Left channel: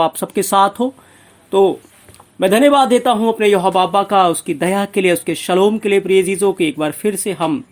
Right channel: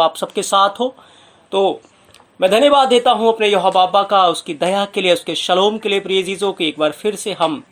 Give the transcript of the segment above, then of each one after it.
आप सबके साथ हो। तो मैं धन्यवाद देता हूं अपने यहोवा बाबा का, उसकी दया के लिए, उसके शलोम के लिए। प्रिय अजीजों की एक बार फिर से हम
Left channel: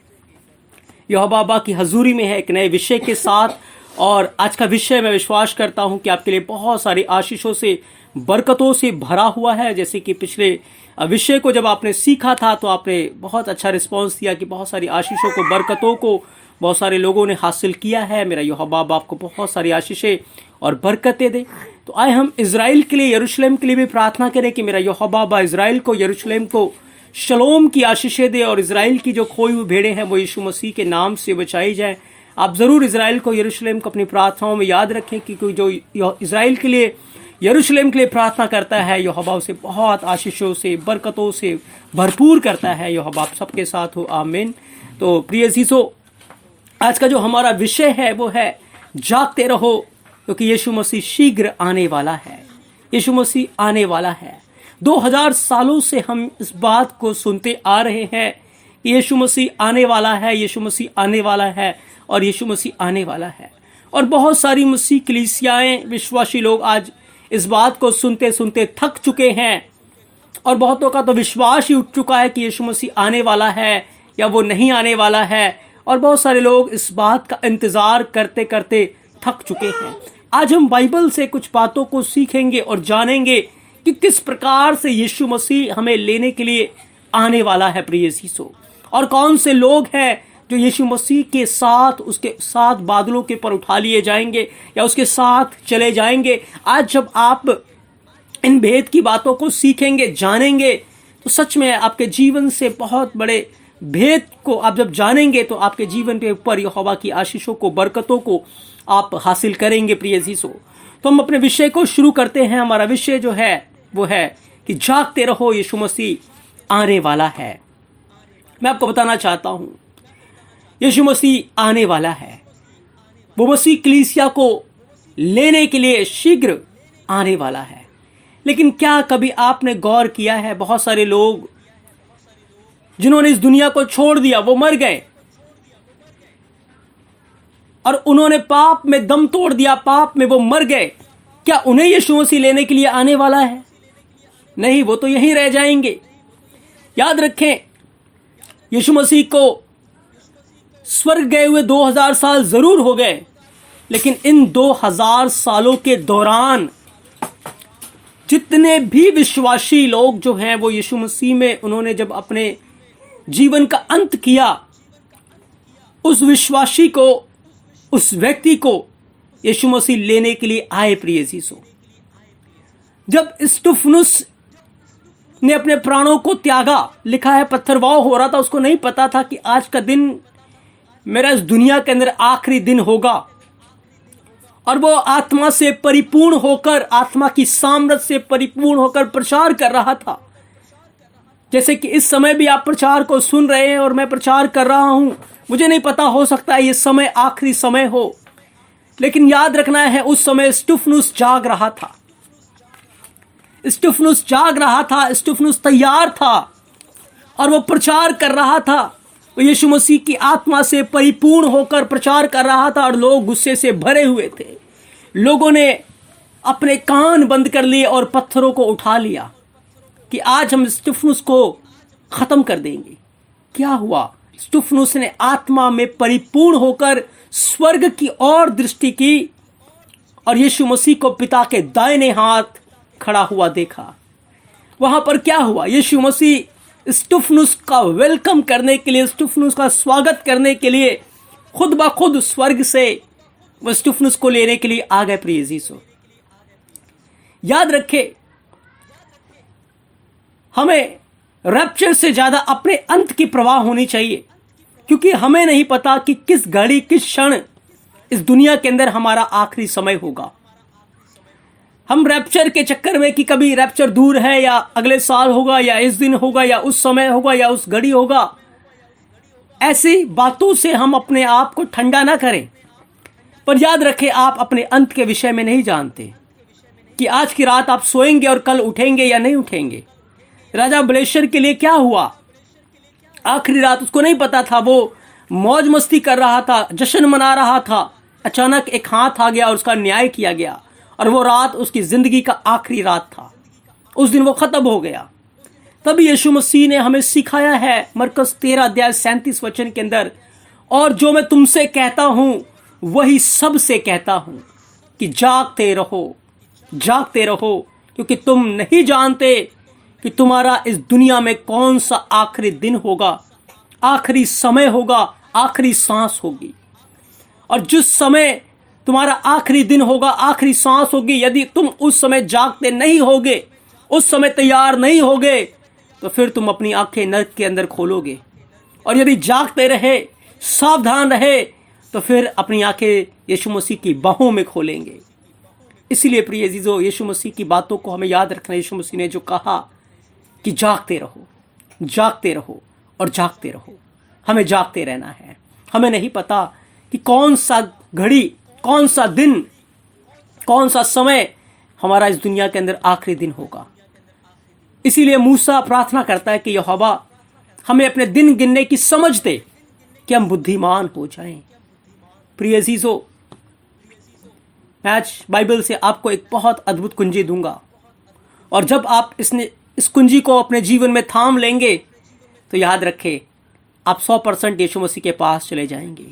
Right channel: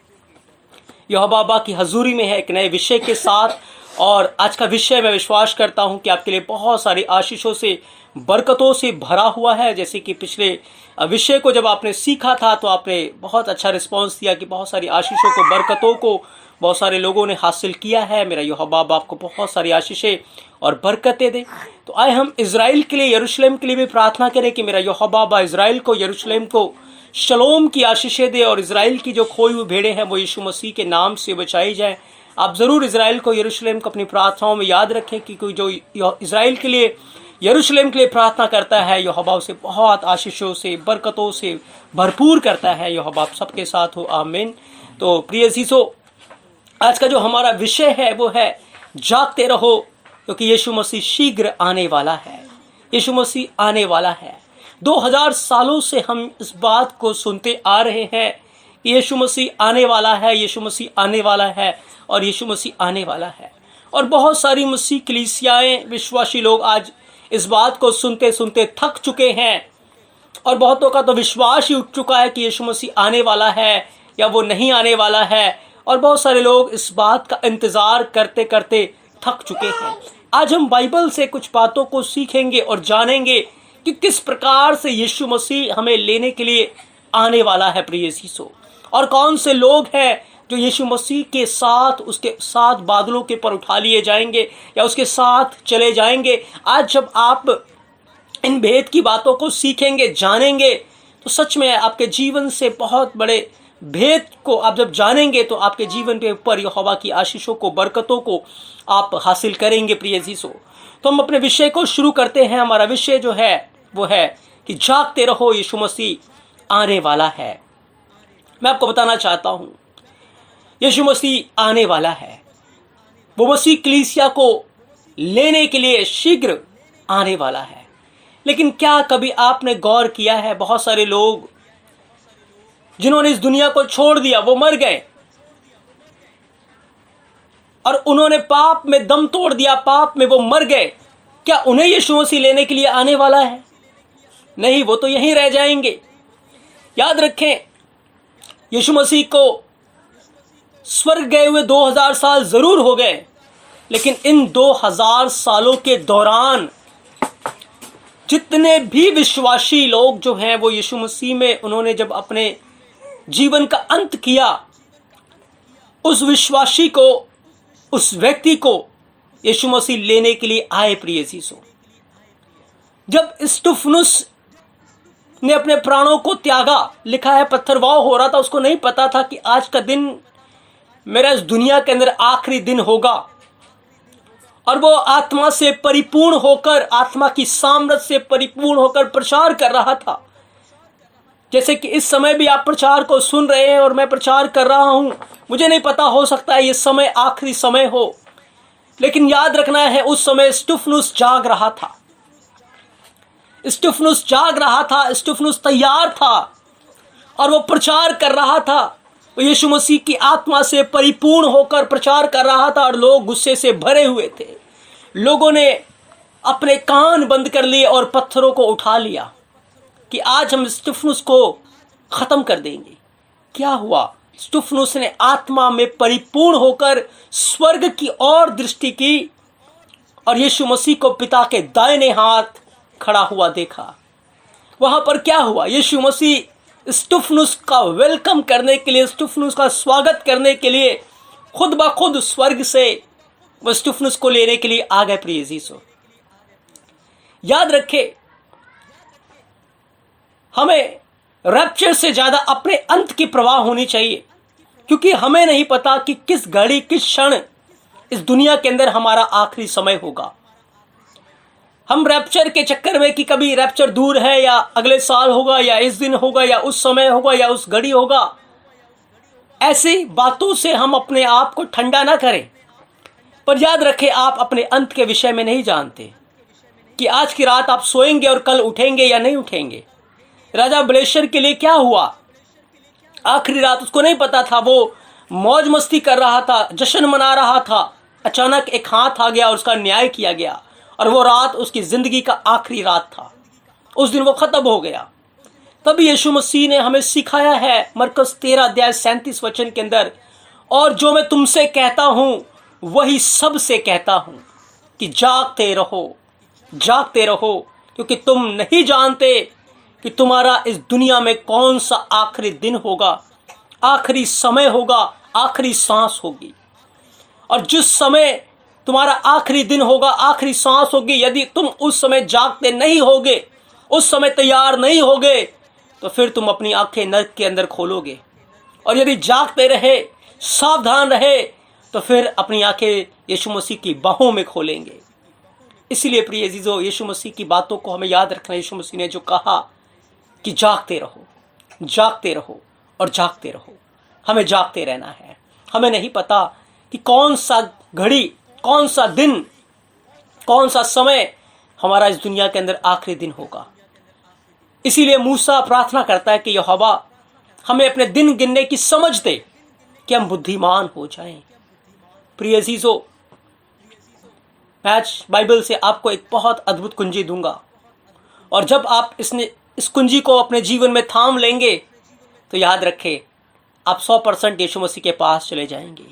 यहोवा बाबा की हजूरी में है एक नए विषय के साथ। और आज का विषय मैं विश्वास करता हूं कि आपके लिए बहुत सारी आशीषों से, बरकतों से भरा हुआ है। जैसे कि पिछले विषय को जब आपने सीखा था तो आपने बहुत अच्छा रिस्पांस दिया कि बहुत सारी आशीषों को, बरकतों को बहुत सारे लोगों ने हासिल किया है। मेरा यहोवा बाबा आपको बहुत सारी आशीषें और बरकतें दे। तो आए हम इज़राइल के लिए, यरूशलेम के लिए भी प्रार्थना करें कि मेरा यहोवा बाबा इज़राइल को, यरूशलेम को शलोम की आशीषें दे और इज़राइल की जो खोई हुई भेड़ें हैं वो यीशु मसीह के नाम से बचाई जाए। आप ज़रूर इज़राइल को, यरूशलेम को अपनी प्रार्थनाओं में याद रखें कि कोई जो इज़राइल के लिए, यरूशलेम के लिए प्रार्थना करता है, यहोवा उसे बहुत आशीषों से, बरकतों से भरपूर करता है। यहोवा आप सबके साथ हो, आमीन। तो प्रिय अजीजों, आज का जो हमारा विषय है वो है जागते रहो, क्योंकि यीशु मसीह शीघ्र आने वाला है। यीशु मसीह आने वाला है। 2000 सालों से हम इस बात को सुनते आ रहे हैं कि यीशु मसीह आने वाला है, यीशु मसीह आने वाला है और यीशु मसीह आने वाला है। और बहुत सारी मसीह कलीसियाएं, विश्वासी लोग आज इस बात को सुनते सुनते थक चुके हैं और बहुतों का तो विश्वास ही उठ चुका है कि यीशु मसीह आने वाला है या वो नहीं आने वाला है। और बहुत सारे लोग इस बात का इंतज़ार करते करते थक चुके हैं। आज हम बाइबल से कुछ बातों को सीखेंगे और जानेंगे कि किस प्रकार से यीशु मसीह हमें लेने के लिए आने वाला है, प्रिय यीशु, और कौन से लोग हैं जो यीशु मसीह के साथ, उसके साथ बादलों के पर उठा लिए जाएंगे या उसके साथ चले जाएंगे। आज जब आप इन भेद की बातों को सीखेंगे, जानेंगे, तो सच में आपके जीवन से बहुत बड़े भेद को आप जब जानेंगे तो आपके जीवन के ऊपर यहोवा की आशीषों को, बरकतों को आप हासिल करेंगे, प्रिय अजीजों। तो हम अपने विषय को शुरू करते हैं। हमारा विषय जो है वो है कि जागते रहो, यीशु मसीह आने वाला है। मैं आपको बताना चाहता हूं, यीशु मसीह आने वाला है। वो मसीह कलीसिया को लेने के लिए शीघ्र आने वाला है। लेकिन क्या कभी आपने गौर किया है, बहुत सारे लोग जिन्होंने इस दुनिया को छोड़ दिया वो मर गए और उन्होंने पाप में दम तोड़ दिया, पाप में वो मर गए। क्या उन्हें यीशु मसीह लेने के लिए आने वाला है? नहीं, वो तो यहीं रह जाएंगे। याद रखें, यीशु मसीह को स्वर्ग गए हुए 2000 साल जरूर हो गए, लेकिन इन 2000 सालों के दौरान जितने भी विश्वासी लोग जो हैं वो यीशु मसीह में, उन्होंने जब अपने जीवन का अंत किया, उस विश्वासी को, उस व्यक्ति को यीशु मसीह लेने के लिए आए, प्रिय यीशु। जब स्तिफनुस ने अपने प्राणों को त्यागा, लिखा है पत्थरवाह हो रहा था, उसको नहीं पता था कि आज का दिन मेरा इस दुनिया के अंदर आखिरी दिन होगा। और वो आत्मा से परिपूर्ण होकर, आत्मा की सामर्थ्य से परिपूर्ण होकर प्रचार कर रहा था। जैसे कि इस समय भी आप प्रचार को सुन रहे हैं और मैं प्रचार कर रहा हूं। मुझे नहीं पता, हो सकता है ये समय आखिरी समय हो, लेकिन याद रखना है उस समय स्तिफनुस जाग रहा था। स्तिफनुस जाग रहा था, स्तिफनुस तैयार था और वो प्रचार कर रहा था। वो यीशु मसीह की आत्मा से परिपूर्ण होकर प्रचार कर रहा था और लोग गुस्से से भरे हुए थे। लोगों ने अपने कान बंद कर लिए और पत्थरों को उठा लिया कि आज हम स्तिफनुस को खत्म कर देंगे। क्या हुआ? स्तिफनुस ने आत्मा में परिपूर्ण होकर स्वर्ग की ओर दृष्टि की और यीशु मसीह को पिता के दाहिने हाथ खड़ा हुआ देखा। वहां पर क्या हुआ? यीशु मसीह स्तिफनुस का वेलकम करने के लिए, स्तिफनुस का स्वागत करने के लिए खुद ब खुद स्वर्ग से वह स्तिफनुस को लेने के लिए आ गए, प्रिय यीशु। याद रखे, हमें रैप्चर से ज्यादा अपने अंत की परवाह होनी चाहिए, क्योंकि हमें नहीं पता कि किस घड़ी, किस क्षण इस दुनिया के अंदर हमारा आखिरी समय होगा। हम रैप्चर के चक्कर में कि कभी रैप्चर दूर है या अगले साल होगा या इस दिन होगा या उस समय होगा या उस घड़ी होगा, ऐसी बातों से हम अपने आप को ठंडा ना करें। पर याद रखें, आप अपने अंत के विषय में नहीं जानते कि आज की रात आप सोएंगे और कल उठेंगे या नहीं उठेंगे। राजा बलेश्वर के लिए क्या हुआ? आखिरी रात उसको नहीं पता था, वो मौज मस्ती कर रहा था, जश्न मना रहा था। अचानक एक हाथ आ गया और उसका न्याय किया गया और वो रात उसकी ज़िंदगी का आखिरी रात था। उस दिन वो ख़त्म हो गया। तभी यीशु मसीह ने हमें सिखाया है मरकुस 13:37 के अंदर, और जो मैं तुमसे कहता हूँ वही सबसे कहता हूँ कि जागते रहो, क्योंकि तुम नहीं जानते कि तुम्हारा इस दुनिया में कौन सा आखिरी दिन होगा, आखिरी समय होगा, आखिरी सांस होगी। और जिस समय तुम्हारा आखिरी दिन होगा, आखिरी सांस होगी, यदि तुम उस समय जागते नहीं होगे, उस समय तैयार नहीं होगे, तो फिर तुम अपनी आंखें नरक के अंदर खोलोगे। और यदि जागते रहे, सावधान रहे, तो फिर अपनी आंखें यीशु मसीह की बाहों में खोलेंगे। इसीलिए प्रिय अजीजों, यीशु मसीह की बातों को हमें याद रखना। यीशु मसीह ने जो कहा कि जागते रहो और जागते रहो, हमें जागते रहना है। हमें नहीं पता कि कौन सा घड़ी, कौन सा दिन, कौन सा समय हमारा इस दुनिया के अंदर आखिरी दिन होगा। इसीलिए मूसा प्रार्थना करता है कि यहोवा हमें अपने दिन गिनने की समझ दे कि हम बुद्धिमान हो जाएं। प्रिय अजीजों, मैं आज बाइबल से आपको एक बहुत अद्भुत कुंजी दूंगा, और जब आप इस कुंजी को अपने जीवन में थाम लेंगे तो याद रखें, आप 100% यीशु मसीह के पास चले जाएंगे।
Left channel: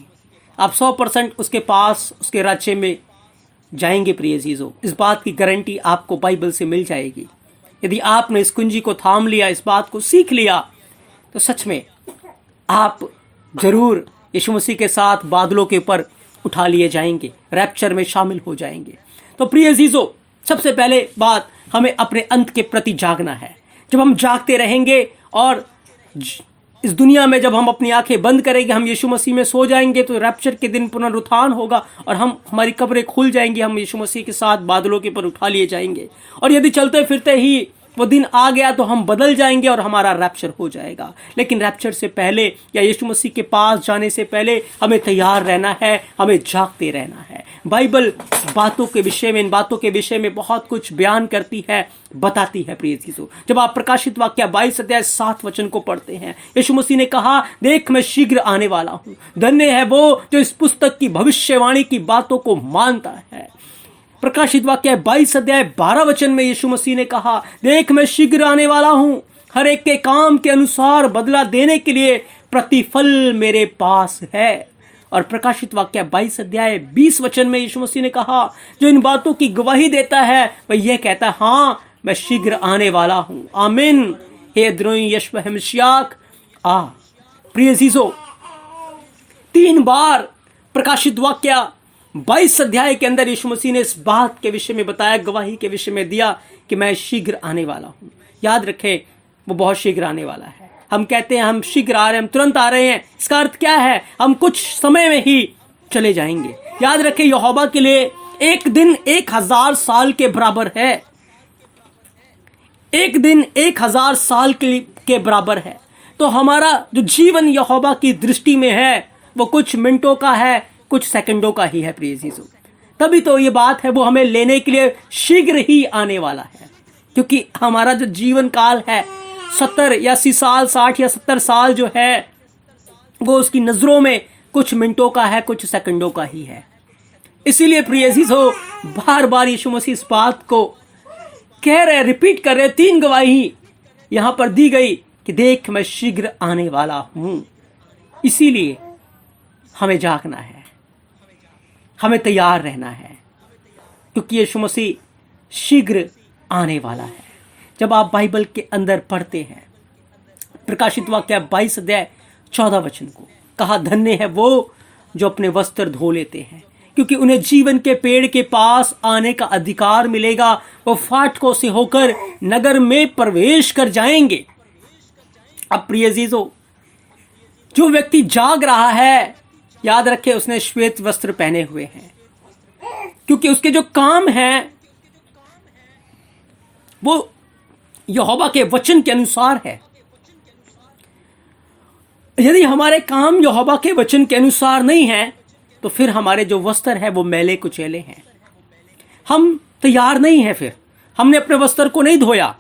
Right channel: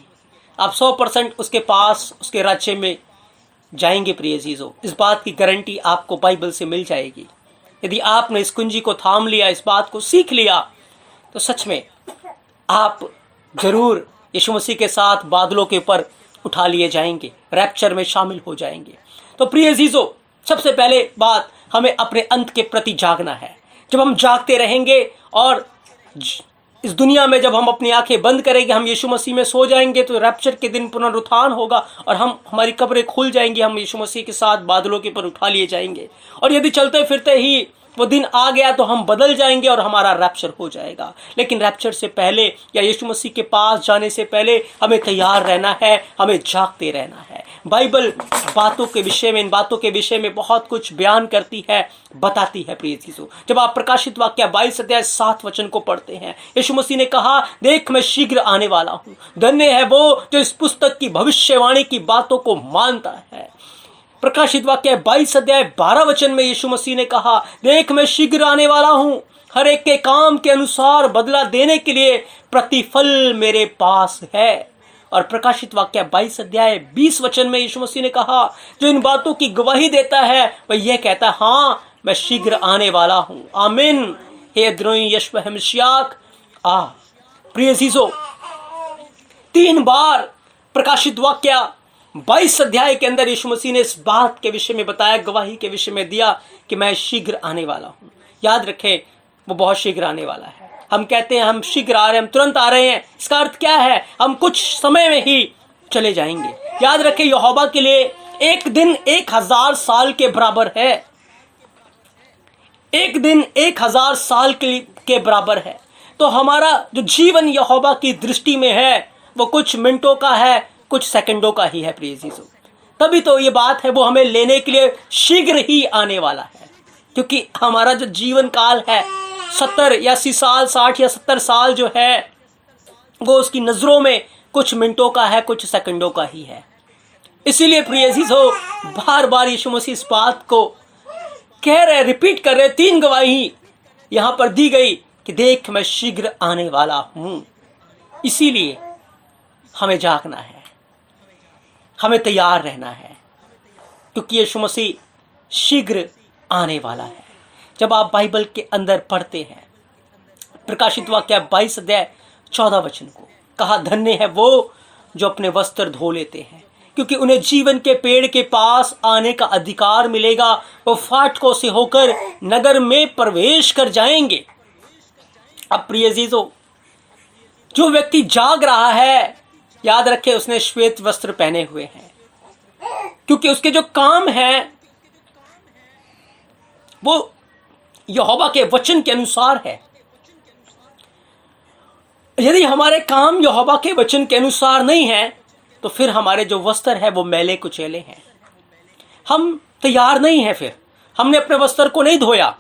आप 100% उसके पास, उसके राज्य में जाएंगे। प्रिय अजीजों, इस बात की गारंटी आपको बाइबल से मिल जाएगी। यदि आपने इस कुंजी को थाम लिया, इस बात को सीख लिया, तो सच में आप जरूर यीशु मसीह के साथ बादलों के ऊपर उठा लिए जाएंगे, रैप्चर में शामिल हो जाएंगे। तो प्रिय अजीजों, सबसे पहले बात, हमें अपने अंत के प्रति जागना है। जब हम जागते रहेंगे और इस दुनिया में जब हम अपनी आंखें बंद करेंगे, हम यीशु मसीह में सो जाएंगे, तो रैप्चर के दिन पुनरुत्थान होगा और हमारी कब्रें खुल जाएंगी, हम यीशु मसीह के साथ बादलों के ऊपर उठा लिए जाएंगे। और यदि चलते फिरते ही वो दिन आ गया तो हम बदल जाएंगे और हमारा रैप्चर हो जाएगा। लेकिन रैप्चर से पहले या यीशु मसीह के पास जाने से पहले हमें तैयार रहना है, हमें जागते रहना है। बाइबल बातों के विषय में, इन बातों के विषय में बहुत कुछ बयान करती है, बताती है। प्रिय चीजों, जब आप प्रकाशित वाक्य 22:7 को पढ़ते हैं, यीशु मसीह ने कहा, देख मैं शीघ्र आने वाला हूँ, धन्य है वो जो इस पुस्तक की भविष्यवाणी की बातों को मानता है। प्रकाशित वाक्य 22:12 में यीशु मसीह ने कहा, देख मैं शीघ्र आने वाला हूं, हर एक के काम के अनुसार बदला देने के लिए प्रतिफल मेरे पास है। और प्रकाशित वाक्य 22:20 में यीशु मसीह ने कहा, जो इन बातों की गवाही देता है वह यह कहता है, हाँ मैं शीघ्र आने वाला हूं। आमीन। हे द्रोही यशव हमशियाक आ। प्रिय अजीजों, 3 बार प्रकाशित वाक्य 22 अध्याय के अंदर यीशु मसीह ने इस बात के विषय में बताया, गवाही के विषय में दिया कि मैं शीघ्र आने वाला हूं। याद रखें, वो बहुत शीघ्र आने वाला है। हम कहते हैं हम शीघ्र आ रहे हैं, हम तुरंत आ रहे हैं, इसका अर्थ क्या है? हम कुछ समय में ही चले जाएंगे। याद रखें, यहोवा के लिए एक दिन 1000 साल के बराबर है। एक दिन 1000 साल के बराबर है। तो हमारा जो जीवन यहोवा की दृष्टि में है वो कुछ मिनटों का है, कुछ सेकंडों का ही है। प्रिय जीसू, तभी तो ये बात है, वो हमें लेने के लिए शीघ्र ही आने वाला है। क्योंकि हमारा जो जीवन काल है 70 या 80 साल, 60 या 70 साल जो है, वो उसकी नजरों में कुछ मिनटों का है, कुछ सेकंडों का ही है। इसीलिए प्रिय जीसू, बार बार यीशु मसीह इस बात को कह रहे, रिपीट कर रहे। 3 गवाही यहां पर दी गई कि देख मैं शीघ्र आने वाला हूं। इसीलिए हमें जागना है, हमें तैयार रहना है, क्योंकि यीशु मसीह शीघ्र आने वाला है। जब आप बाइबल के अंदर पढ़ते हैं प्रकाशित वाक्य 22:14 को, कहा धन्य है वो जो अपने वस्त्र धो लेते हैं, क्योंकि उन्हें जीवन के पेड़ के पास आने का अधिकार मिलेगा। वो फाटकों से होकर नगर में प्रवेश कर जाएंगे। अब प्रिय अजीजों, जो व्यक्ति जाग रहा है, याद रखे उसने श्वेत वस्त्र पहने हुए हैं, क्योंकि उसके जो काम है वो यहोवा के वचन के अनुसार है। यदि हमारे काम यहोवा के वचन के अनुसार नहीं है, तो फिर हमारे जो वस्त्र है वो मैले कुचेले हैं। हम तैयार नहीं है, फिर हमने अपने वस्त्र को नहीं धोया।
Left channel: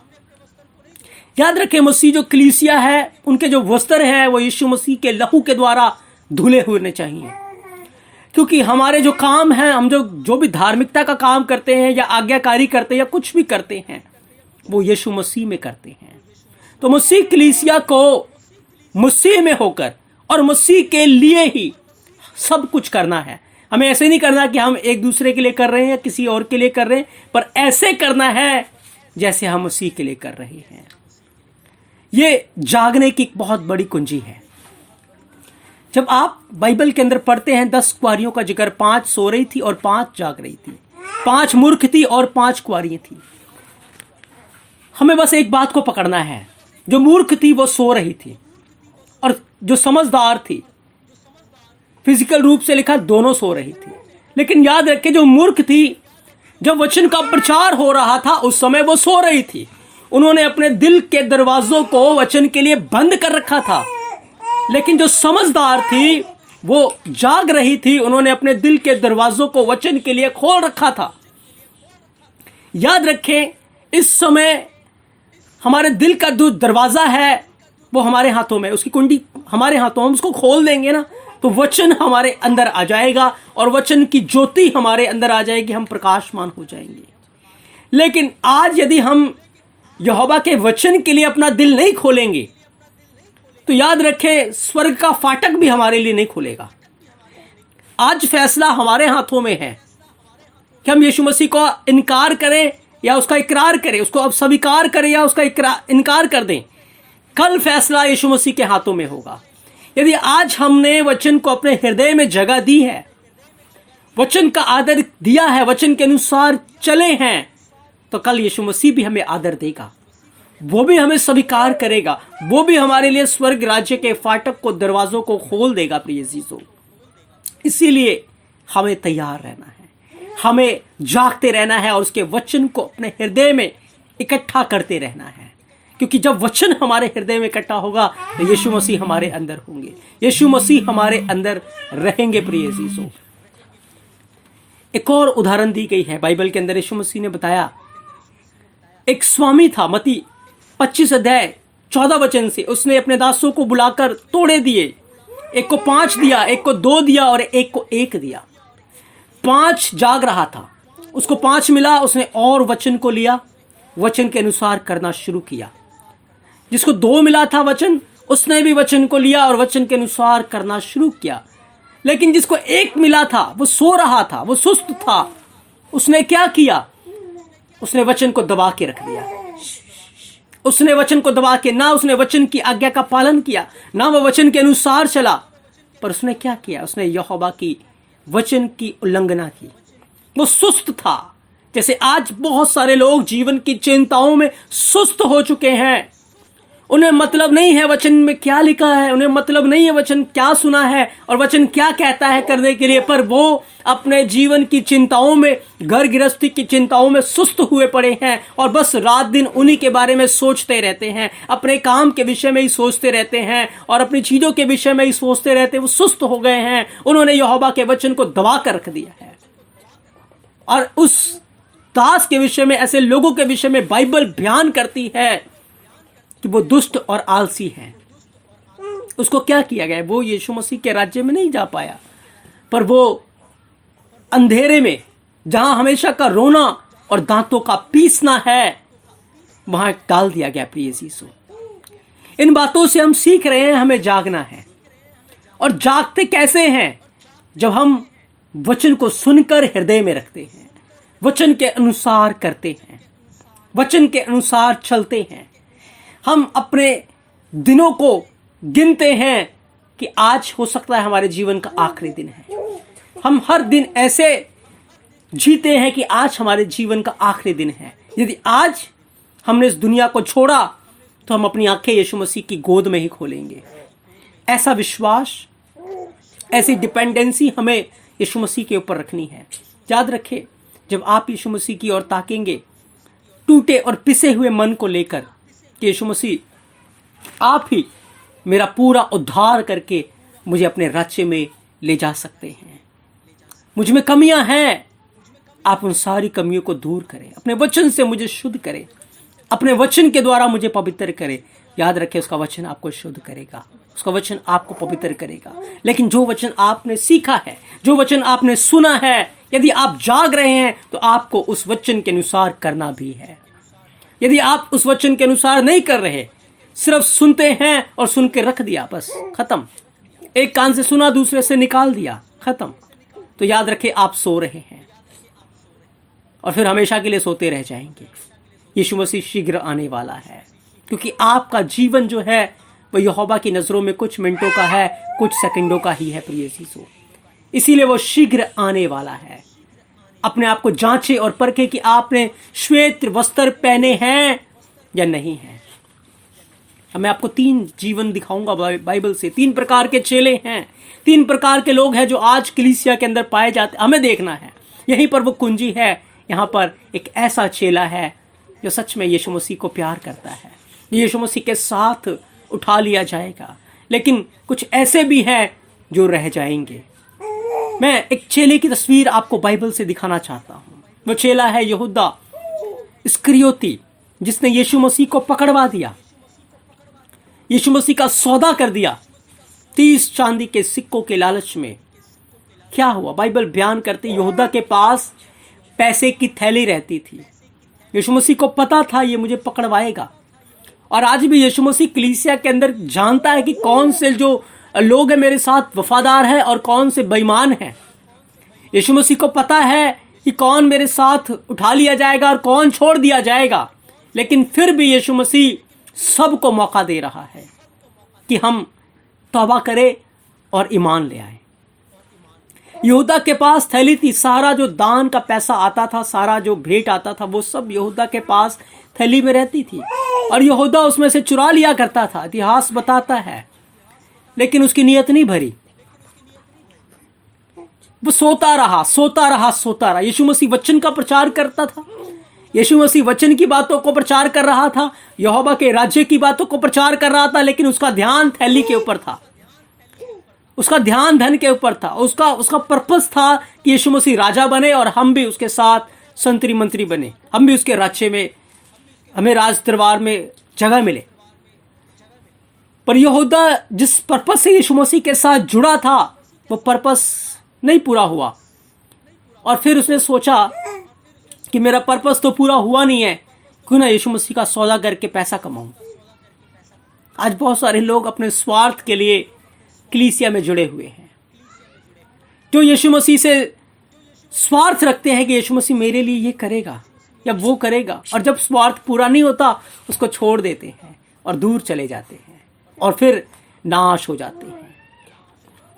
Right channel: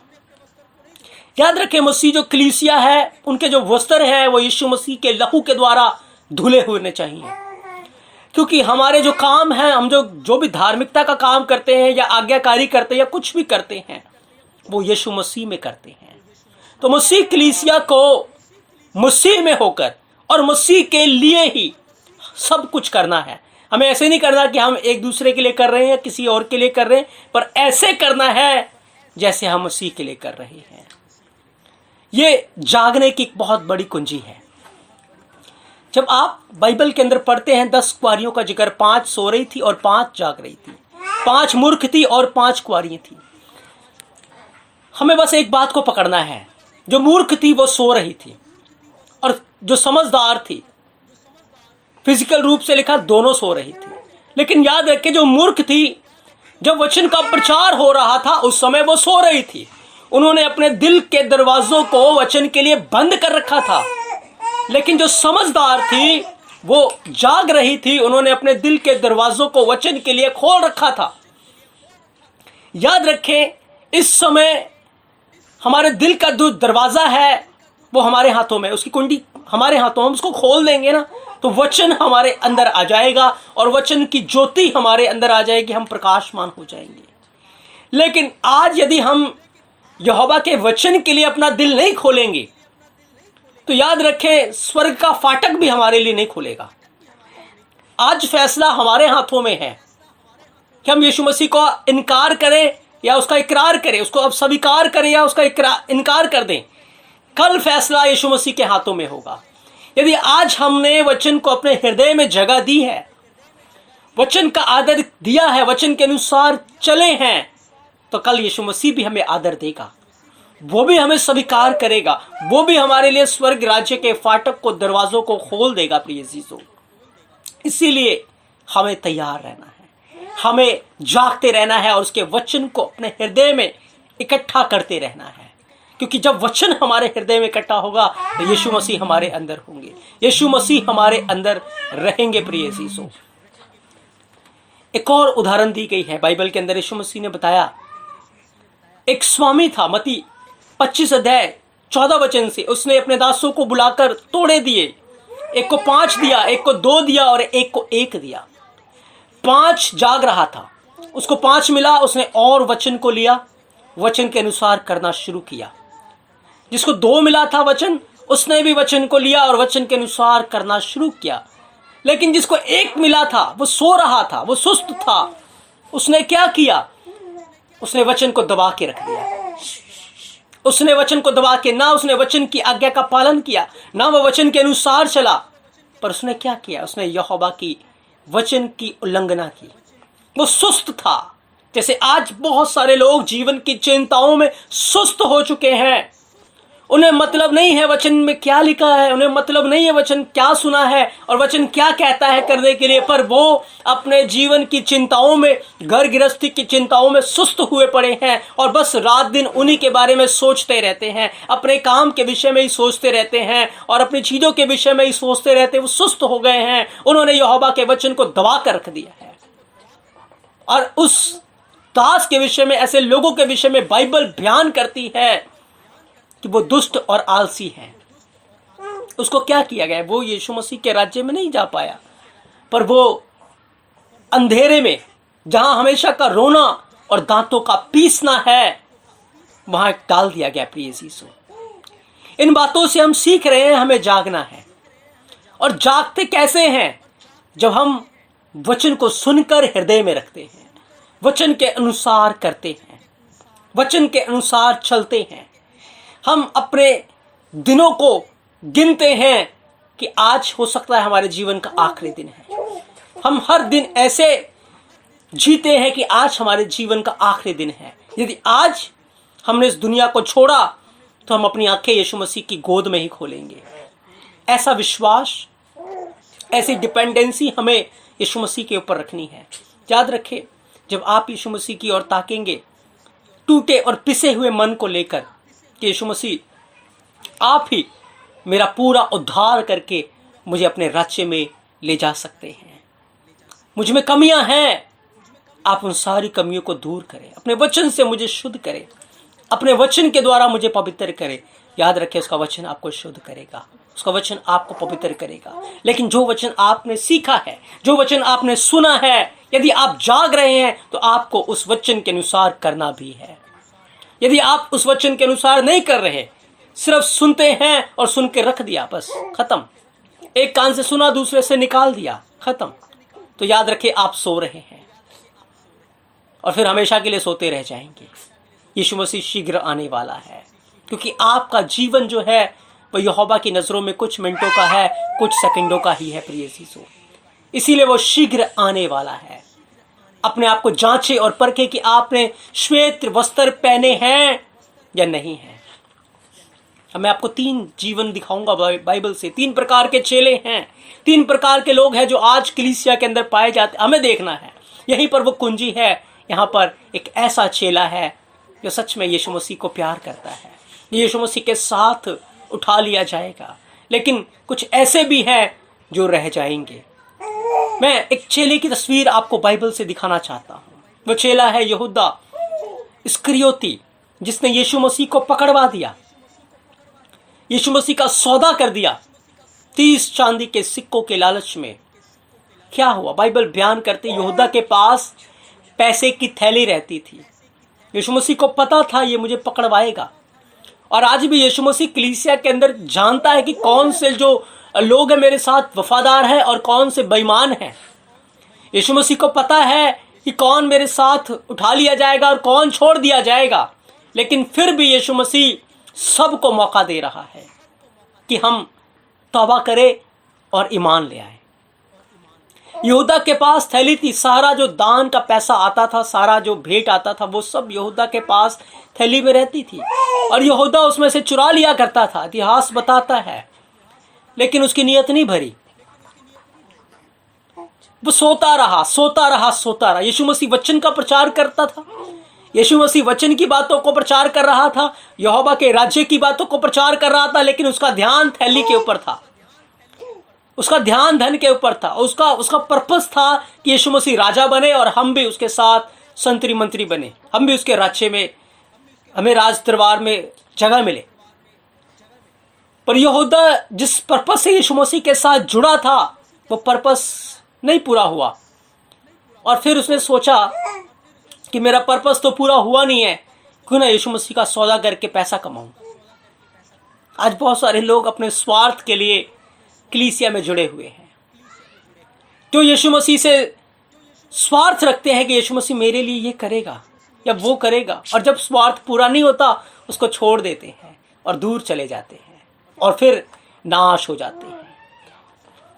याद रखें, मसीह जो कलीसिया है, उनके जो वस्त्र है वो यीशु मसीह के लहू के द्वारा धुले हुए चाहिए। क्योंकि हमारे जो काम हैं, हम जो भी धार्मिकता का काम करते हैं या आज्ञाकारी करते हैं या कुछ भी करते हैं, वो यीशु मसीह में करते हैं। तो मसीह कलीसिया को मसीह में होकर और मसीह के लिए ही सब कुछ करना है। हमें ऐसे नहीं करना कि हम एक दूसरे के लिए कर रहे हैं या किसी और के लिए कर रहे हैं, पर ऐसे करना है जैसे हम मसीह के लिए कर रहे हैं। ये जागने की बहुत बड़ी कुंजी है। जब आप बाइबल के अंदर पढ़ते हैं 10 कुंवारियों का जिक्र, 5 सो रही थी और 5 जाग रही थी, 5 मूर्ख थी और 5 कुंवारियां थी। हमें बस एक बात को पकड़ना है, जो मूर्ख थी वो सो रही थी और जो समझदार थी, फिजिकल रूप से लिखा दोनों सो रही थी। लेकिन याद रखें, जो मूर्ख थी, जब वचन का प्रचार हो रहा था उस समय वो सो रही थी। उन्होंने अपने दिल के दरवाजों को वचन के लिए बंद कर रखा था। लेकिन जो समझदार थी वो जाग रही थी, उन्होंने अपने दिल के दरवाजों को वचन के लिए खोल रखा था। याद रखें, इस समय हमारे दिल का जो दरवाजा है वो हमारे हाथों में, उसकी कुंडी हमारे हाथों, हम उसको खोल देंगे ना तो वचन हमारे अंदर आ जाएगा और वचन की ज्योति हमारे अंदर आ जाएगी, हम प्रकाशमान हो जाएंगे। लेकिन आज यदि हम यहोवा के वचन के लिए अपना दिल नहीं खोलेंगे तो याद रखें, स्वर्ग का फाटक भी हमारे लिए नहीं खुलेगा। आज फैसला हमारे हाथों में है कि हम यीशु मसीह को इनकार करें या उसका इकरार करें, उसको अब स्वीकार करें या उसका इनकार कर दें। कल फैसला यीशु मसीह के हाथों में होगा। यदि आज हमने वचन को अपने हृदय में जगह दी है, वचन का आदर दिया है, वचन के अनुसार चले हैं, तो कल यीशु मसीह भी हमें आदर देगा, वो भी हमें स्वीकार करेगा, वो भी हमारे लिए स्वर्ग राज्य के फाटक को, दरवाजों को खोल देगा। प्रिय अजीजों, इसीलिए हमें तैयार रहना है, हमें जागते रहना है और उसके वचन को अपने हृदय में इकट्ठा करते रहना है। क्योंकि जब वचन हमारे हृदय में इकट्ठा होगा तो यीशु मसीह हमारे अंदर होंगे, यीशु मसीह हमारे अंदर रहेंगे। प्रिय अजीजों, एक और उदाहरण दी गई है बाइबल के अंदर। यीशु मसीह ने बताया, एक स्वामी था, मत्ती 25 अध्याय 14 वचन से, उसने अपने दासों को बुलाकर तोड़े दिए, एक को 5 दिया, एक को 2 दिया और एक को 1 दिया। 5 जाग रहा था, उसको 5 मिला, उसने और वचन को लिया, वचन के अनुसार करना शुरू किया। जिसको 2 मिला था वचन, उसने भी वचन को लिया और वचन के अनुसार करना शुरू किया। लेकिन जिसको 1 मिला था वो सो रहा था, वो सुस्त था। उसने क्या किया? उसने वचन को दबा के रख दिया। उसने वचन को दबा के, ना उसने वचन की आज्ञा का पालन किया, ना वो वचन के अनुसार चला, पर उसने क्या किया? उसने यहोवा की वचन की उल्लंघना की। वो सुस्त था। जैसे आज बहुत सारे लोग जीवन की चिंताओं में सुस्त हो चुके हैं। उन्हें मतलब नहीं है वचन में क्या लिखा है, उन्हें मतलब नहीं है वचन क्या सुना है और वचन क्या कहता है करने के लिए, पर वो अपने जीवन की चिंताओं में, घर गृहस्थी की चिंताओं में सुस्त हुए पड़े हैं और बस रात दिन उन्हीं के बारे में सोचते रहते हैं, अपने काम के विषय में ही सोचते रहते हैं और अपनी चीज़ों के विषय में ही सोचते रहते हैं। वो सुस्त हो गए हैं, उन्होंने यहोवा के वचन को दबा कर रख दिया है। और उस दास के विषय में, ऐसे लोगों के विषय में बाइबल बयान करती है कि वो दुष्ट और आलसी हैं। उसको क्या किया गया? वो यीशु मसीह के राज्य में नहीं जा पाया, पर वो अंधेरे में, जहां हमेशा का रोना और दांतों का पीसना है, वहां डाल दिया गया। प्रिय यीशु, इन बातों से हम सीख रहे हैं हमें जागना है। और जागते कैसे हैं? जब हम वचन को सुनकर हृदय में रखते हैं, वचन के अनुसार करते हैं, वचन के अनुसार चलते हैं। हम अपने दिनों को गिनते हैं कि आज हो सकता है हमारे जीवन का आखिरी दिन है। हम हर दिन ऐसे जीते हैं कि आज हमारे जीवन का आखिरी दिन है। यदि आज हमने इस दुनिया को छोड़ा तो हम अपनी आंखें यीशु मसीह की गोद में ही खोलेंगे। ऐसा विश्वास, ऐसी डिपेंडेंसी हमें यीशु मसीह के ऊपर रखनी है। याद रखें, जब आप यीशु मसीह की ओर ताकेंगे टूटे और पिसे हुए मन को लेकर कि यीशु मसीह आप ही मेरा पूरा उद्धार करके मुझे अपने राज्य में ले जा सकते हैं, मुझ में कमियां हैं, आप उन सारी कमियों को दूर करें, अपने वचन से मुझे शुद्ध करें, अपने वचन के द्वारा मुझे पवित्र करें, याद रखें, उसका वचन आपको शुद्ध करेगा, उसका वचन आपको पवित्र करेगा। लेकिन जो वचन आपने सीखा है, जो वचन आपने सुना है, यदि आप जाग रहे हैं तो आपको उस वचन के अनुसार करना भी है। यदि आप उस वचन के अनुसार नहीं कर रहे, सिर्फ सुनते हैं और सुन के रख दिया, बस खत्म, एक कान से सुना दूसरे से निकाल दिया, खत्म, तो याद रखें आप सो रहे हैं और फिर हमेशा के लिए सोते रह जाएंगे। यीशु मसीह शीघ्र आने वाला है, क्योंकि आपका जीवन जो है वह यहोवा की नजरों में कुछ मिनटों का है, कुछ सेकंडों का ही है प्रिय यीशु। इसीलिए वो शीघ्र आने वाला है। अपने आप को जांचे और परखे कि आपने श्वेत वस्त्र पहने हैं या नहीं है। मैं आपको 3 जीवन दिखाऊंगा बाइबल से। 3 प्रकार के चेले हैं, 3 प्रकार के लोग हैं जो आज कलीसिया के अंदर पाए जाते, हमें देखना है। यहीं पर वो कुंजी है। यहाँ पर एक ऐसा चेला है जो सच में यीशु मसीह को प्यार करता है, यीशु मसीह के साथ उठा लिया जाएगा। लेकिन कुछ ऐसे भी हैं जो रह जाएंगे। मैं एक चेले की तस्वीर आपको बाइबल से दिखाना चाहता हूँ। वो चेला है यहूदा इस्करियोती, जिसने यीशु मसीह को पकड़वा दिया, यीशु मसीह का सौदा कर दिया 30 चांदी के सिक्कों के लालच में। क्या हुआ? बाइबल बयान करती यहूदा के पास पैसे की थैली रहती थी। यीशु मसीह को पता था ये मुझे पकड़वाएगा। और आज भी यीशु मसीह कलीसिया के अंदर जानता है कि कौन से जो लोग हैं मेरे साथ वफादार है और कौन से बेईमान हैं। यीशु मसीह को पता है कि कौन मेरे साथ उठा लिया जाएगा और कौन छोड़ दिया जाएगा। लेकिन फिर भी यीशु मसीह सबको मौका दे रहा है कि हम तौबा करें और ईमान ले आए। यहूदा के पास थैली थी, सारा जो दान का पैसा आता था, सारा जो भेंट आता था, वो सब यहूदा के पास थैली में रहती थी और यहूदा उसमें से चुरा लिया करता था। इतिहास बताता है। लेकिन उसकी नीयत नहीं भरी, वो सोता रहा। यीशु मसीह वचन का प्रचार करता था, यीशु मसीह वचन की बातों को प्रचार कर रहा था, यहोवा के राज्य की बातों को प्रचार कर रहा था, लेकिन उसका ध्यान थैली के ऊपर था, उसका ध्यान धन के ऊपर था। उसका पर्पस था कि यीशु मसीह राजा बने और हम भी उसके साथ संतरी मंत्री बने, हम भी उसके राज्य में, हमें राज दरबार में जगह मिले। पर यहूदा जिस पर्पस से यीशु मसीह के साथ जुड़ा था, वो पर्पस नहीं पूरा हुआ और फिर उसने सोचा कि मेरा पर्पस तो पूरा हुआ नहीं है, क्यों ना यीशु मसीह का सौदा करके पैसा कमाऊं। आज बहुत सारे लोग अपने स्वार्थ के लिए कलीसिया में जुड़े हुए हैं, जो यीशु मसीह से स्वार्थ रखते हैं कि यीशु मसीह मेरे लिए ये करेगा या वो करेगा, और जब स्वार्थ पूरा नहीं होता उसको छोड़ देते हैं और दूर चले जाते हैं और फिर नाश हो जाते हैं।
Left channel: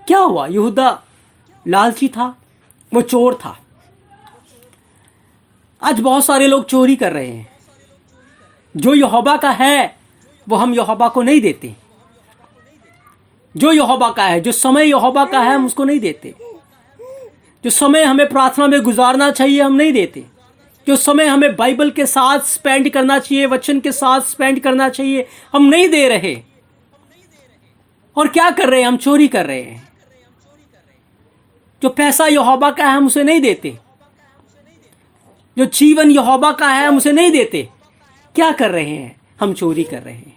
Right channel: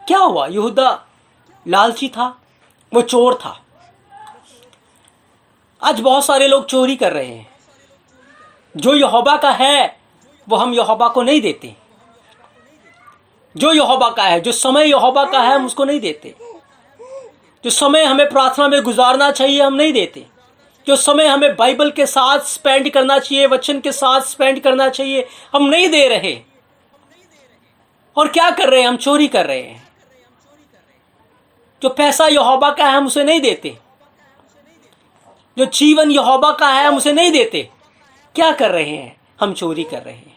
क्या हुआ? यहूदा लालची था, वो चोर था। आज बहुत सारे लोग चोरी कर रहे हैं। जो यहोवा का है वो हम यहोवा को नहीं देते। जो यहोवा का है, जो समय यहोवा का है, हम उसको नहीं देते। जो समय हमें प्रार्थना में गुजारना चाहिए हम नहीं देते। जो समय हमें बाइबल के साथ स्पेंड करना चाहिए, वचन के साथ स्पेंड करना चाहिए, हम नहीं दे रहे। और क्या कर रहे हैं? हम चोरी कर रहे हैं। जो पैसा यहोवा का है हम उसे नहीं देते। जो जीवन यहोवा का है हम उसे नहीं देते। क्या कर रहे हैं? हम चोरी कर रहे हैं।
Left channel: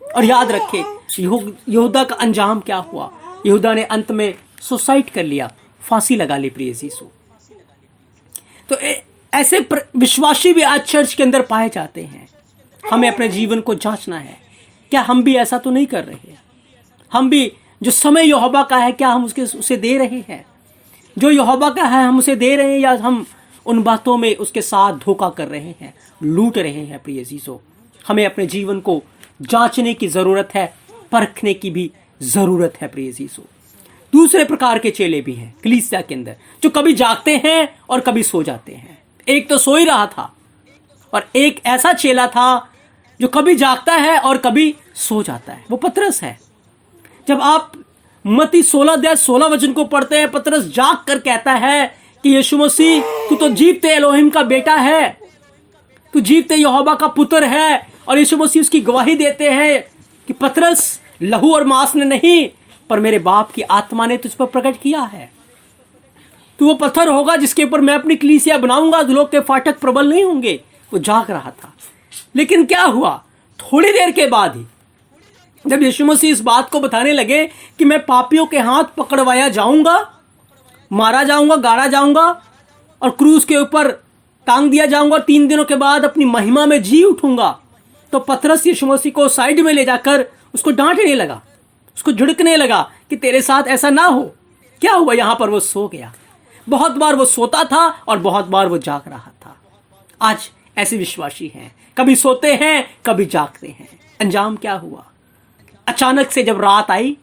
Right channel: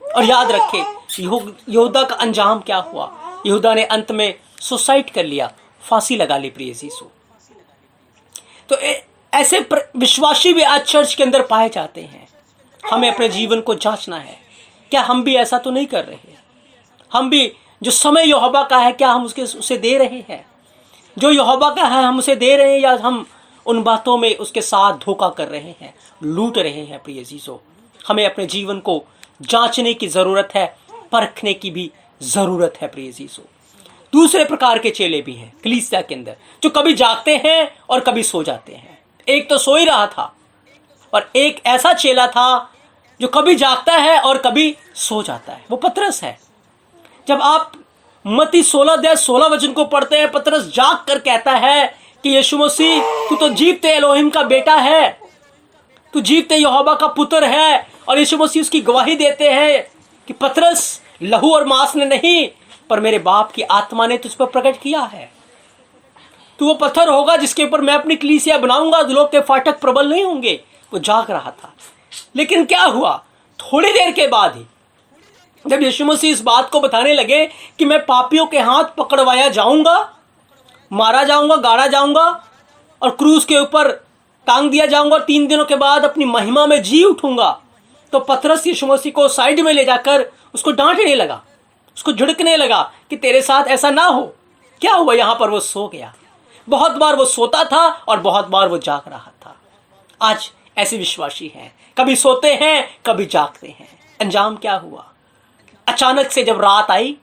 और याद रखें यहूदा का अंजाम क्या हुआ? यहूदा ने अंत में सुसाइड कर लिया, फांसी लगा ली प्रिय यीशु। तो ऐसे विश्वासी भी आज चर्च के अंदर पाए जाते हैं। हमें अपने जीवन को जांचना है, क्या हम भी ऐसा तो नहीं कर रहे? हम भी जो समय यहोवा का है क्या हम उसे दे रहे हैं? जो यहोवा का है हम उसे दे रहे हैं, या हम उन बातों में उसके साथ धोखा कर रहे हैं, लूट रहे हैं? प्रिय यीशु, हमें अपने जीवन को जांचने की जरूरत है, परखने की भी जरूरत है प्रिय यीशु। दूसरे प्रकार के चेले भी हैं कलीसिया के अंदर, जो कभी जागते हैं और कभी सो जाते हैं। एक तो सो ही रहा था और एक ऐसा चेला था जो कभी जागता है और कभी सो जाता है। वो पतरस है। जब आप मत्ती 16 वचन को पढ़ते हैं, पतरस जाग कर कहता है कि यीशु मसीह तू तो जीवते एलोहिम का बेटा है, तू जीवते यहोवा का पुत्र है। और यीशु मसीह उसकी गवाही देते हैं कि पतरस, लहू और मांस ने नहीं पर मेरे बाप की आत्मा ने तुझ पर प्रकट किया है। तू वो पत्थर होगा जिसके ऊपर मैं अपनी कलीसिया बनाऊंगा, लोग के फाटक प्रबल नहीं होंगे। वो जाग रहा था। लेकिन क्या हुआ? थोड़ी देर के बाद ही जब यीशु मसीह इस बात को बताने लगे कि मैं पापियों के हाथ पकड़वाया जाऊंगा, मारा जाऊंगा, गाड़ा जाऊंगा और क्रूस के ऊपर टांग दिया जाऊंगा और 3 दिनों के बाद अपनी महिमा में जी उठूंगा, तो पतरस यीशु मसीह को साइड में ले जाकर उसको डांटने लगा, उसको झिड़कने लगा कि तेरे साथ ऐसा ना हो। क्या हुआ? यहां पर वो सो गया। बहुत बार वो सोता था और बहुत बार वो जाग रहा था। आज ऐसे विश्वासी हैं, कभी सोते हैं कभी जागते हैं। अंजाम क्या हुआ? अचानक से जब रात आई,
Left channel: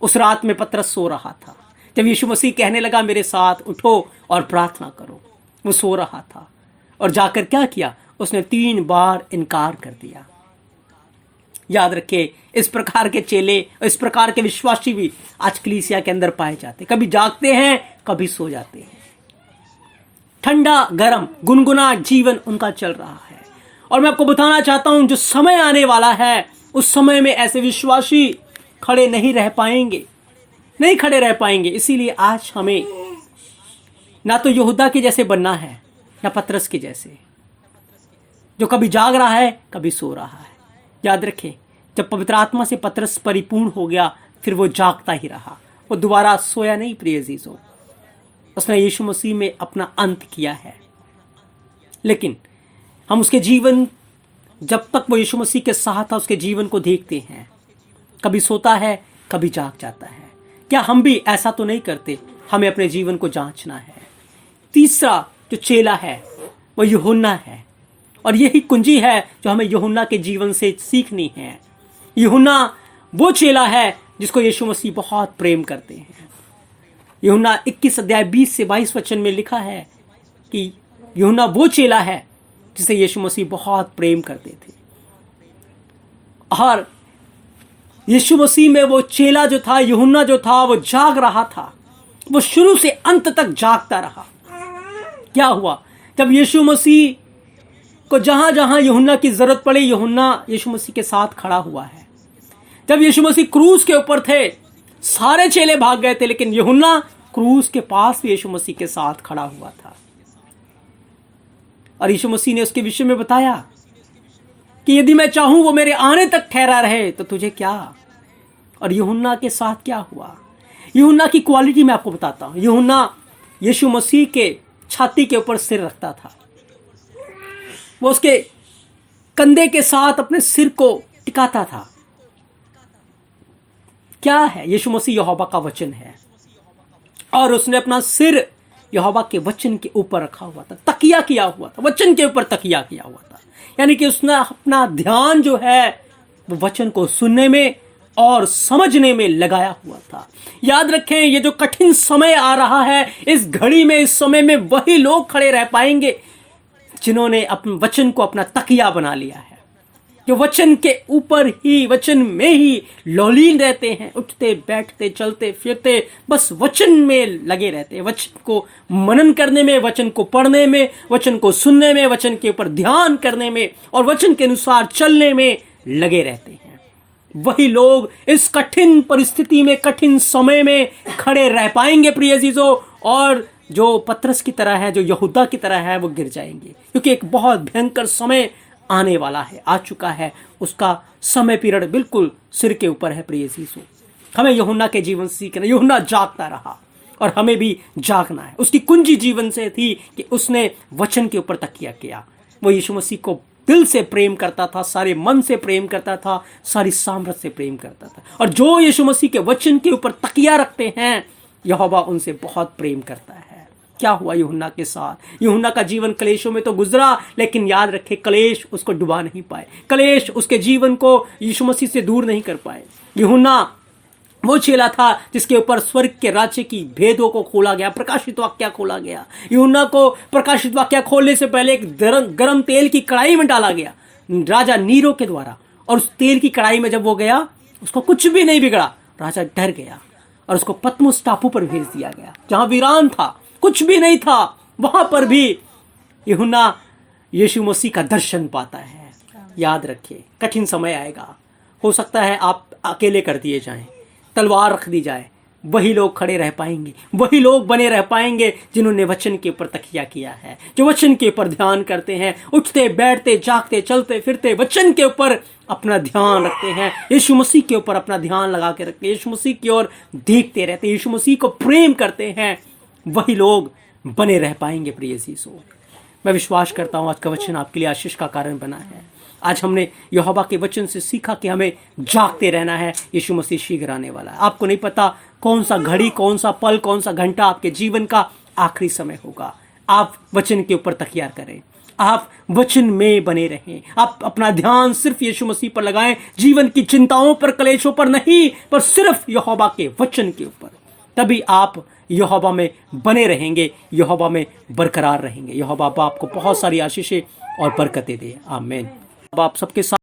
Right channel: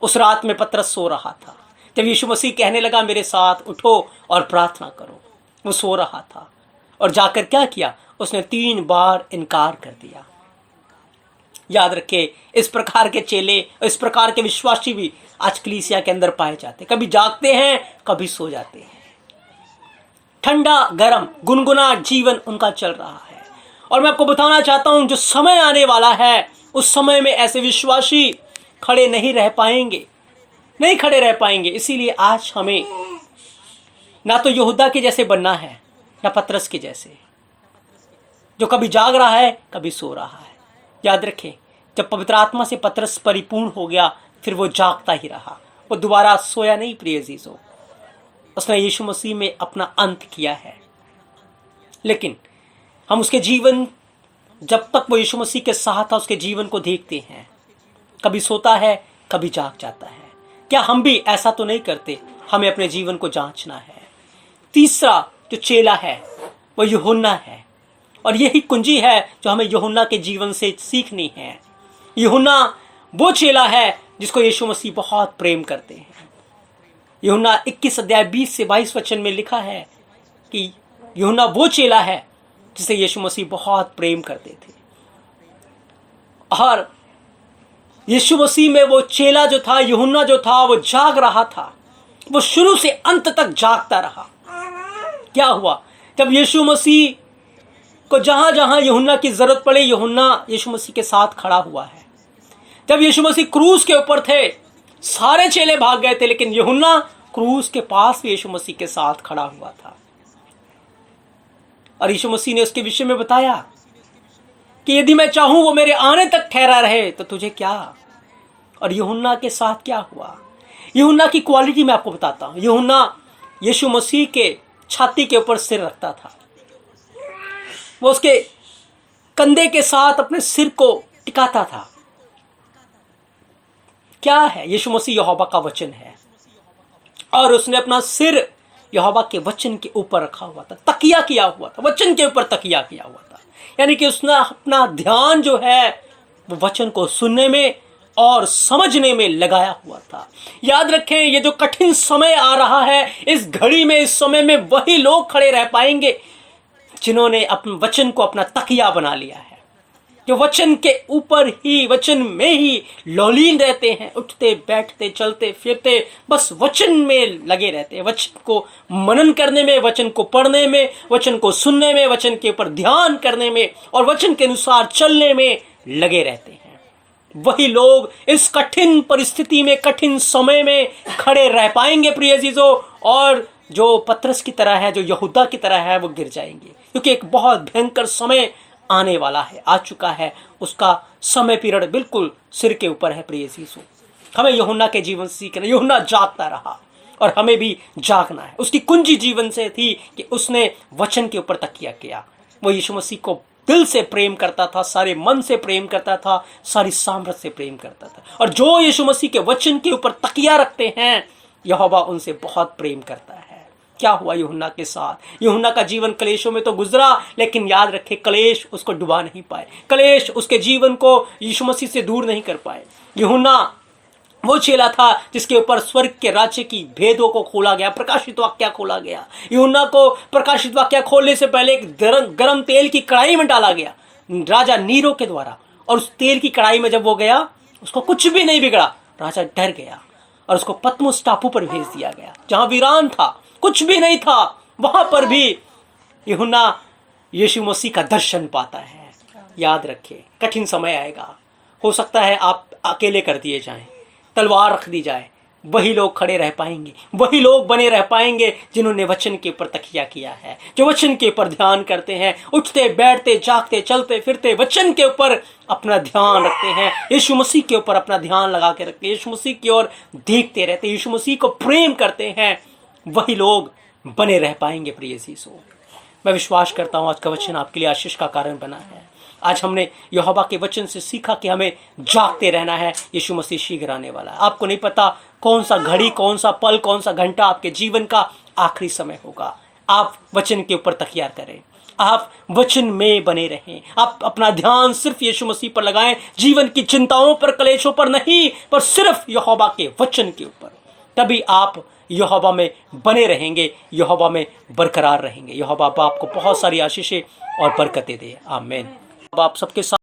उस रात में पतरस सो रहा था। जब यीशु मसीह कहने लगा मेरे साथ उठो और प्रार्थना करो, वो सो रहा था और जाकर क्या किया? उसने 3 बार इनकार कर दिया। याद रखे, इस प्रकार के चेले, इस प्रकार के विश्वासी भी आज कलीसिया के अंदर पाए जाते, कभी जागते हैं कभी सो जाते हैं। ठंडा गरम गुनगुना जीवन उनका चल रहा है। और मैं आपको बताना चाहता हूं, जो समय आने वाला है उस समय में ऐसे विश्वासी खड़े नहीं रह पाएंगे, नहीं खड़े रह पाएंगे। इसीलिए आज हमें ना तो यहूदा के जैसे बनना है, ना पतरस के जैसे, जो कभी जाग रहा है कभी सो रहा है। याद रखें, जब पवित्र आत्मा से पतरस परिपूर्ण हो गया, फिर वो जागता ही रहा, वो दोबारा सोया नहीं। प्रिय अजीजों, उसने यीशु मसीह में अपना अंत किया है। लेकिन हम उसके जीवन, जब तक वो यीशु मसीह के साथ था, उसके जीवन को देखते हैं, कभी सोता है कभी जाग जाता है। क्या हम भी ऐसा तो नहीं करते? हमें अपने जीवन को जांचना है। तीसरा जो चेला है वो यूहन्ना है, और यही कुंजी है जो हमें यूहन्ना के जीवन से सीखनी है। यूहन्ना वो चेला है जिसको यीशु मसीह बहुत प्रेम करते हैं। यूहन्ना 21 अध्याय 20 से 22 वचन में लिखा है कि यूहन्ना वो चेला है जिसे यीशु मसीह बहुत प्रेम करते थे। और यीशु मसीह में वो चेला जो था, यूहन्ना जो था, वो जाग रहा था। वो शुरू से अंत तक जागता रहा। क्या हुआ? जब यीशु मसीह को जहां जहां यूहन्ना की जरूरत पड़ी, यूहन्ना यीशु मसीह के साथ खड़ा हुआ है। जब यीशु मसीह क्रूस के ऊपर थे, सारे चेले भाग गए थे, लेकिन यूहन्ना क्रूस के पास भी यीशु मसीह के साथ खड़ा हुआ था। और यीशु मसीह ने उसके विषय में बताया कि यदि मैं चाहूं वो मेरे आने तक ठहरा रहे तो तुझे क्या। और यूहन्ना के साथ क्या हुआ? यूहन्ना की क्वालिटी मैं आपको बताता हूं। यूहन्ना यीशु मसीह के छाती के ऊपर सिर रखता था। वो उसके कंधे के साथ अपने सिर को टिकाता था। क्या है? यीशु मसीह यहोवा का वचन है, और उसने अपना सिर यहोवा के वचन के ऊपर रखा हुआ था, तकिया किया हुआ था, वचन के ऊपर तकिया किया हुआ था। यानी कि उसने अपना ध्यान जो है वो वचन को सुनने में और समझने में लगाया हुआ था। याद रखें, ये जो कठिन समय आ रहा है, इस घड़ी में, इस समय में वही लोग खड़े रह पाएंगे जिन्होंने अपने वचन को अपना तकिया बना लिया है, जो वचन के ऊपर ही, वचन में ही लौलीन रहते हैं, उठते बैठते चलते फिरते बस वचन में लगे रहते हैं, वचन को मनन करने में, वचन को पढ़ने में, वचन को सुनने में, वचन के ऊपर ध्यान करने में और वचन के अनुसार चलने में लगे रहते हैं। वही लोग इस कठिन परिस्थिति में, कठिन समय में खड़े रह पाएंगे प्रिय अजीजों, और जो पतरस की तरह है, जो यहूदा की तरह है, वो गिर जाएंगे, क्योंकि एक बहुत भयंकर समय आने वाला है, आ चुका है। उसका समय पीरियड बिल्कुल सिर के ऊपर है प्रिय अजीजों। हमें यूहन्ना के जीवन से सीखना। यूहन्ना जागता रहा और हमें भी जागना है। उसकी कुंजी जीवन से थी कि उसने वचन के ऊपर तकिया किया। वो यीशु मसीह को दिल से प्रेम करता था, सारे मन से प्रेम करता था, सारी सामर्थ्य से प्रेम करता था। और जो यीशु मसीह के वचन के ऊपर तकिया रखते हैं, यहोवा उनसे बहुत प्रेम करता है। क्या हुआ यूहन्ना के साथ? यूहन्ना का जीवन क्लेशों में तो गुजरा, लेकिन याद रखे, क्लेश उसको डुबा नहीं पाए, क्लेश उसके जीवन को यीशु मसीह से दूर नहीं कर पाए। यूहन्ना वो चेला था जिसके ऊपर स्वर्ग के राज्य की भेदों को खोला गया, प्रकाशित वाक्य खोला गया। यूहन्ना को प्रकाशित वाक्य खोलने से पहले एक गरम तेल की कढ़ाई में डाला गया राजा नीरो के द्वारा, और उस तेल की कढ़ाई में जब वो गया, उसको कुछ भी नहीं बिगड़ा। राजा डर गया और उसको पतमुस टापू पर भेज दिया गया, जहां वीरान था, कुछ भी नहीं था। वहां पर भी यूहन्ना यीशु मसीह का दर्शन पाता है। याद रखिए, कठिन समय आएगा, हो सकता है आप अकेले कर दिए जाएं, तलवार रख दी जाए, वही लोग खड़े रह पाएंगे, वही लोग बने रह पाएंगे जिन्होंने वचन के ऊपर तकिया किया है, जो वचन के ऊपर ध्यान करते हैं, उठते बैठते जागते चलते फिरते वचन के ऊपर अपना ध्यान रखते हैं, यीशु मसीह के ऊपर अपना ध्यान लगा के रखते हैं, यीशु मसीह की ओर देखते रहते हैं, यीशु मसीह को प्रेम करते हैं, वही लोग बने रह पाएंगे। प्रिय यीशु, मैं विश्वास करता हूँ आज का वचन आपके लिए आशीष का कारण बना है। आज हमने यहोवा के वचन से सीखा कि हमें जागते रहना है, यीशु मसीह शीघ्र आने वाला है। आपको नहीं पता कौन सा घड़ी, कौन सा पल, कौन सा घंटा आपके जीवन का आखिरी समय होगा। आप वचन के ऊपर तकिया करें, आप वचन में बने रहें, आप अपना ध्यान सिर्फ यीशु मसीह पर लगाएं, जीवन की चिंताओं पर, कलेशों पर नहीं, पर सिर्फ यहोवा के वचन के ऊपर। तभी आप यहोवा में बने रहेंगे, यहोवा में बरकरार रहेंगे। यहोवा आपको बहुत सारी आशीषें और बरकतें दे। आमीन। अब आप सबके साथ